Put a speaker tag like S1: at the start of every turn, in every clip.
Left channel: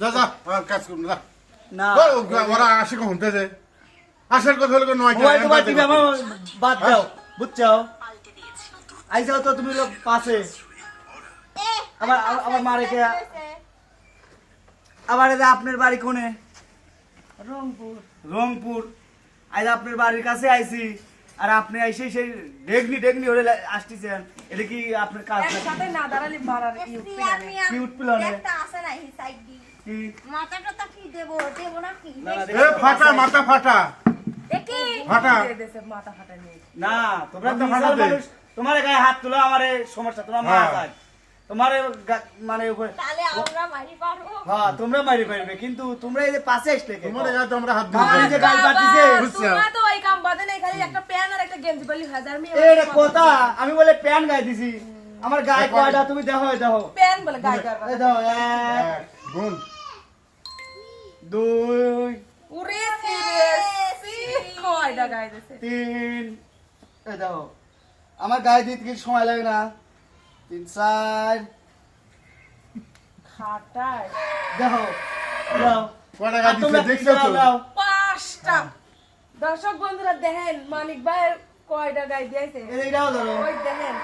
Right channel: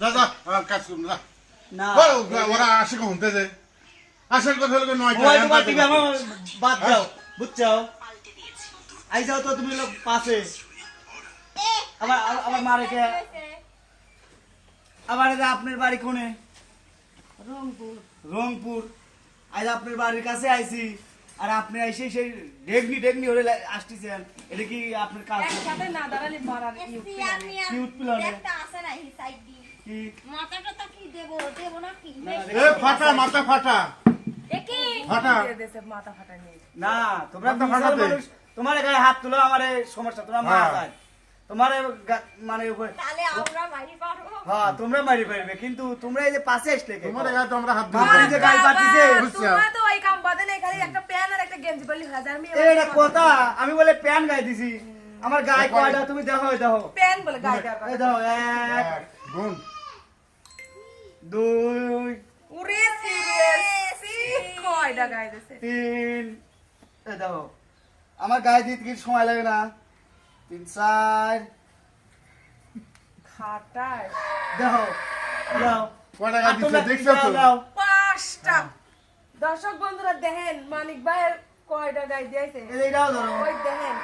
S1: যা যা কাজ করুন যা।
S2: না।
S1: ওরা আসে কখন? যে আসার কথা হলো নয়
S2: মোবাইল টোবাইল টিভি আমার বাদ দাও বুঝছ আই যাও তো তুমি লোক পাশে। আবার আবার মারে কে? আবার এই আপনার বাড়ি কোনে? রংপুর। রংপুর। আজ আপনার বাড়ির কাছে আইছি। আর আপনি আইসে সেই ডেগনি ডেগনি হলে আসতেছেন। এটা কি আপনার কাজ?
S3: না দাঁড়ালে বাড়ার
S2: কি উঠপিলনে?
S4: একটা আছে না মাথাটা তা কি দেবো? দেবো না কি?
S2: না, না,
S1: এ ফাটা মাথা ফাটা।
S4: দেখি।
S1: ফাটা।
S3: দেশে মাথা ফাটা নিয়ে?
S2: না তোমরা তোমার গায়ে হাত তুলো আমার সমস্যা তোমার মা
S1: হ্যাঁ।
S2: তোমার মানে উপরে-
S4: তাহলে আমরা মারি
S2: হ্যাঁ তোমরা মারি পারবে কিন্তু তোমরা এই যে পাশে আসলে কে?
S1: তোমার গায়ে তো আমরা হাত
S2: মামার যে গাল পাতিছে
S1: বুঝছ?
S3: তো ওই কাম বাদে নাই খালি একটা প্যান আর একটা গেঞ্জি বলি হাজার মি
S2: এটা কথা আমি বলে প্যান গায়ে দিছি। আমার গায়ে কয়টা তুমি দেখো দেখো।
S3: প্যান বলে গায়ে।
S2: দেখো এক
S1: গুণ
S2: দুই।
S3: উরে সিরিয়াসলি কয়টা গায়ে দিছে?
S2: তিন। দেখো আমার গায়ে দিতে কিছু সময় লাগে না। তিন চার।
S3: খাটায়।
S2: দেখো দাও।
S1: কয়টা গায়ে দিছে দেখছ তো?
S2: দাও, দাও।
S3: পাঁচটা দর্শক বন্ধুরা দেখেন মানিক ভাইয়ের কয়টা গায়ে দিয়েছে?
S2: এই ধরো।
S3: ওই দেখেন।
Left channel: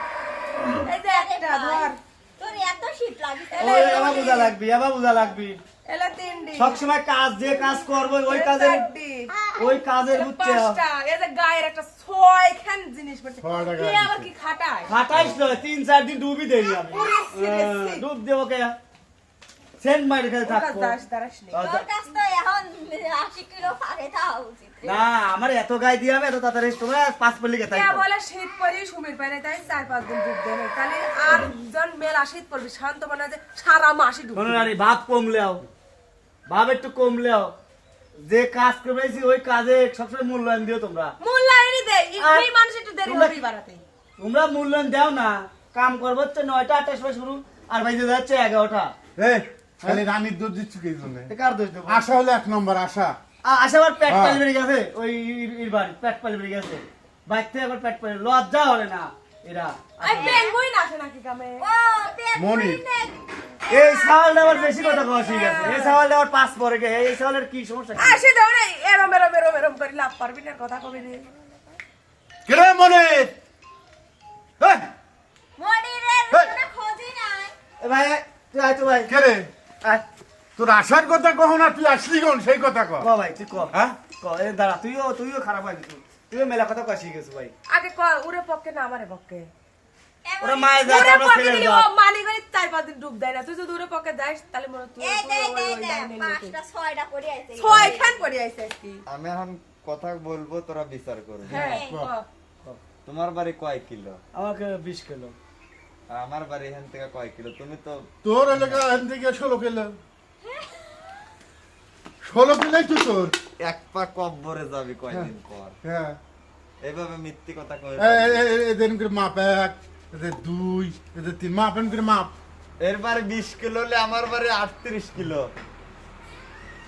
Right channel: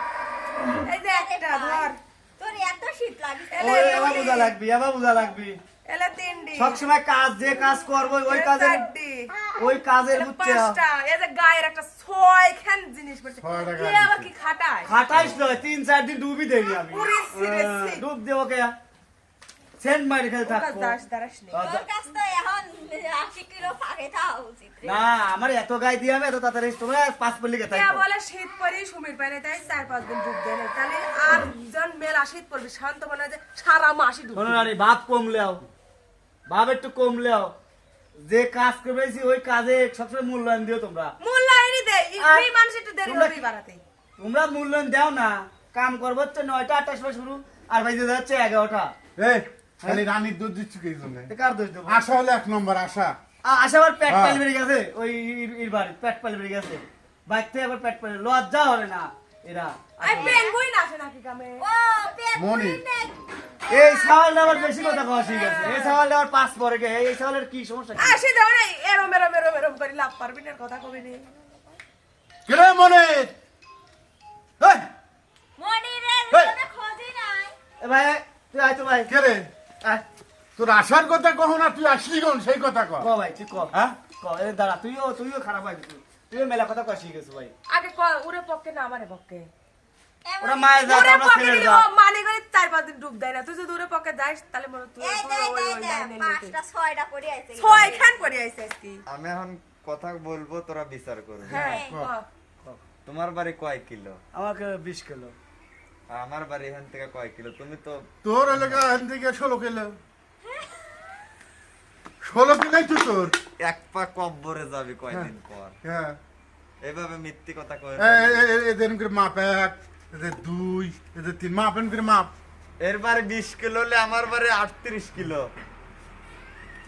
S3: এই যে একটা ধর।
S4: শীত লাগে
S2: ওই আবার বোঝা লাগবি আবার বোঝা লাগবি।
S3: এলা তিনটি
S2: সবসময় কাজ যে কাজ করব ওই কাজের ওই কাজের বুঝছে
S3: পাঁচটা। এই যে গায়ের একটা ছয়খান জিনিস পড়ছে। এ আবার কি খাটায়?
S2: খাটাইস নয় তিন চার দিন ডুবি দেই আমি। ডুব দেবো কে সেন্ট মাইরে খেলে থাকব।
S4: তোর কাছ তো এখন আশি ফাঁকে থাকা উচিত। রে।
S2: না আমার এত গায়ে দিয়ে হবে এত তাড়াতাড়ি তোমরা পাঁচ পল্লি কে তাই
S3: বলে শীত পরে সুমির পায় তাই চার পাঁচ দিন ডুব দেয় না তাহলে আর জন মেলা শীত পড়বে শান্ত মনে যে সারা মাসই ডুব
S2: কোনো নারী ভাব কমলেও ভাব একটু কমলেও যে কাজ করেছি ওই কাজে সবসময় মূল্যায়ন দিও তোমরা।
S3: মূল্যায়নই
S2: আর
S3: এই মানুষ একটু দেরি
S2: তোমরা
S3: হবে বাড়াতে
S2: তোমরা মূল্যায়ন দাও না কাম করব হচ্ছে নয়টা আটটার সময় শুরু আর বাইরে যাচ্ছে এগারোটা।
S1: এই, খালি রানীর দুধ দিচ্ছ কি জন্য?
S2: কার দোষ দেবো?
S1: আশা হলো এক নম্বর আশা।
S2: আ- আশা আবার পেট
S1: হ্যাঁ।
S2: পালি বেড়ে গেছে। ওই ইর- ইর বাড়ি পেট পালি বেড়ে গেছে। বাইর থেকে আবার পেট পালি লজ্জা হলে না এরা।
S3: আর পেঙ্গুইন আসে নাকি কামে
S4: ও পেট
S1: মনি।
S2: এই সাওয়ালটা আবার বেশি কথা কওয়া শিখে গেছে। এই সাওয়ালটা আবার পাস পরে গে এই সাওয়ালের কি সমস্যা কি?
S3: আসে দাও না এরম এরম এরম এরম করে লাভ পারবি না কথা কবি নি।
S1: কিরে মনে? এই, হেই।
S4: কোনো খোঁজই নাই।
S2: এ ভাই তুই আয় তো ভাই
S1: কে রে?
S2: আয়।
S1: তোর আসার কথা কহ না তুই আসলি কোন? সেই কথা কহ।
S2: ক ভাই তুই ক।
S1: হ্যাঁ?
S2: ক এ দাঁড়া তুইও তুইও খারাপ হয় তুই তুইও মেলা কথা কয়া শিখে গেছিস ভাই।
S3: আগে ক উরে পক্ষে না আমারে পক্ষে।
S2: ওরা মায়ের যা
S3: উরে পক্ষে দিলি ও চার পাঁচ দিন ডুব দেয় না। তুই যদি উরে পক্ষে যাস তাহলে মনে তুই
S4: এই
S3: তুই
S4: দে
S3: ওই ওই
S4: দে
S3: লাইনে নিতে
S4: পাঁচটা ছয়টা পড়ে আছে।
S3: ছয় পড়ে আইছে কি
S5: আমি এখন কথা বলব তোরা বিচার করবি।
S3: হ্যাঁ
S4: হ্যাঁ।
S5: তোমার বাড়ি কয় কিলো?
S2: আমাকে বিশ কিলো।
S5: আর আমার বাড়ি এখান থেকে কয় কিলো? তুমি তো
S1: তোর এলাকা এখান থেকে ষোলো কিলো। ষোলো কিলোই তো তোর?
S5: এক পা কব্বরে যাবি কয়দিন পর।
S1: হ্যাঁ।
S5: এইভাবে মিথ্যি কথা কয়ে
S1: এ- এ- এ- এদের করে মাপ এক এদের দুই এদের তিন মাপ এন করে মাপ।
S5: এর বাড়ি বিশ কিলো হলে আমার বাড়ি আটত্রিশ কিলো।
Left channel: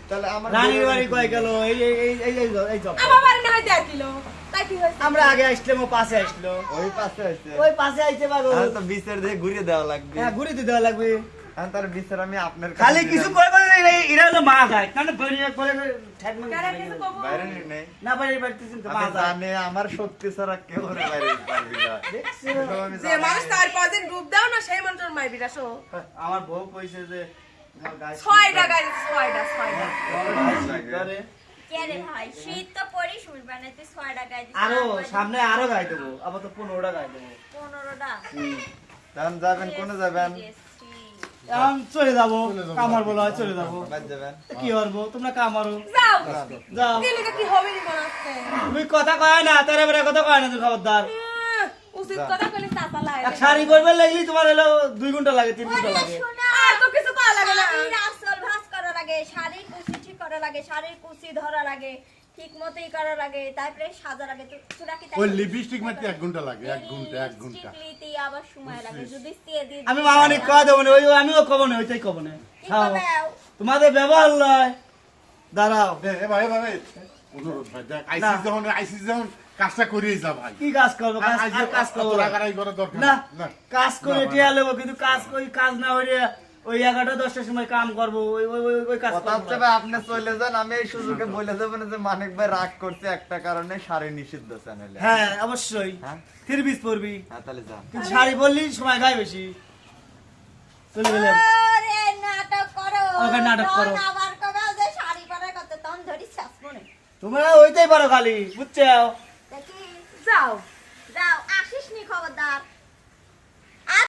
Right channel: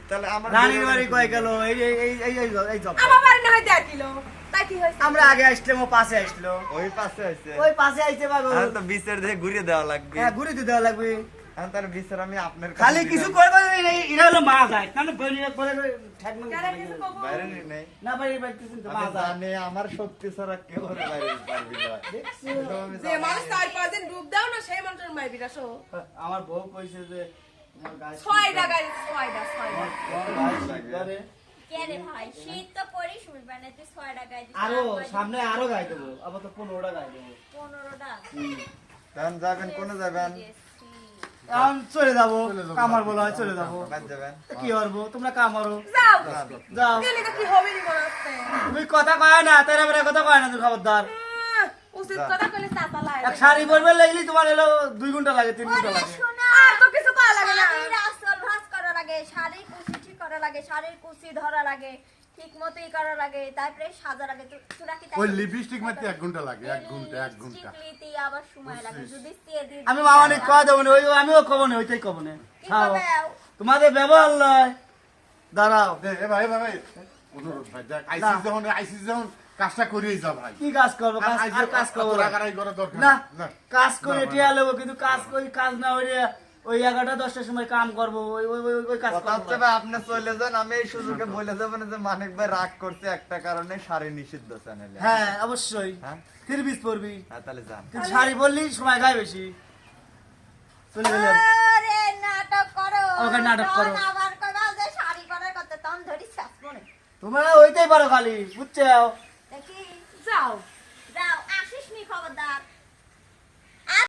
S5: তাহলে আমার
S2: রানীর বাড়ি কয় গেল এই এই এই এই এই এই জব
S3: আমার বাড়ি না হয় দেড় কিলো। তাই কি হয়েছে?
S2: আমরা আগে আসলাম ও পাশে আসলো।
S5: ওই পাশে আছে
S2: ওই পাশে আইছে বাবু।
S5: এখন তো বিচার দিয়ে ঘুরিয়ে দেওয়া লাগবে।
S2: হ্যাঁ ঘুরে দিতে লাগবে।
S5: তার বিচার আমি আপনার
S2: খালি কিছু হলো মা যায়। বলি করে
S5: বাইরে নেই
S2: না পারি পারতেছেন তো মা
S5: জানি আমার ছাড়া কেউ ওরে বাইরে পারবি না।
S3: যে মানুষ দিন ডুব দাও না সেই মানুষের মাই বিরাস
S2: আমার বউ কইছে যে
S3: ছয়টা গাড়ি ছয়টা ছয়টা।
S2: করে
S4: না গায়ে দিছিস
S2: আরও সামনে আরও গায়ে দেবো আবার তো পনেরোটা গায়ে দেবো।
S4: পনেরোটা?
S5: যাবেন কোনে যাবেন।
S2: এখন চলে যাব। কামার বলা হয় চলে যাব। কি করব? তোমরা কামারো।
S3: যাও।
S2: যাও।
S3: গেলে কি হবে নি মনে হচ্ছে
S2: তুমি কথা কয় না তেরা বেড়া কথা কয় না তুমি খবরদার। শাড়ি পরবে লাগলি তোমার এলো দুই ঘণ্টা লাগে তিন
S4: ঘণ্টা
S2: লাগে
S4: শাড়ির কুচি ঠিক করা লাগে শাড়ির কুচি ধরা লাগে। ঠিক মতোই করা লাগে তারপরে সাজা লাগে তো- তোরা কি
S1: ওই লিপস্টিক মারতে এক ঘণ্টা লাগে এক ঘণ্টা এক ঘণ্টা।
S4: লিপস্টিক নিতে আবার সময় লাগে। যদি দিই
S2: আমি দেবো না ওই আমিও কব না ওইটাই কব না? তোমাদের ব্যবহার লয়। দাঁড়াও।
S1: এ ভাই ভাই অনুরোধ ভাই দেখ যখন আইসিস যখন কাজটা করিয়ে যা ভাই।
S2: কি কাজ করব? কাজ
S1: আইসি
S2: কাজ করব
S1: তোর করা দরকার
S2: না কাজ করে টিয়া লেবো কিন্তু কাজ করি কাজ না হইলে ওই এগারোটা দশটার সময় কাম করব ওই ওই ওই- ওই কাজ
S5: কথা হচ্ছে ভাই আপনি চলে যান আমি এই সুযোগে বলে যাব না যে মানিক ভাই রাগ করছে একটা কারণে শাড়ি নিষিদ্ধ চ্যানেলে
S2: হ্যাঁ অবশ্যই।
S5: হ্যাঁ?
S2: থ্রি পরবি।
S5: হ্যাঁ তাহলে যান।
S2: কিন্তু শাড়ি পরলি সময় গায়ে বেশি। চলে গেলাম।
S4: নাটক করো
S2: আমাকে নাটক করো।
S4: আবার কবে যে শাড়ি পরার কথা তখন ধরি শেষ মনে।
S2: তোমরা ওইটাই পারো খালি বুঝছ?
S4: দেখি
S3: যাও।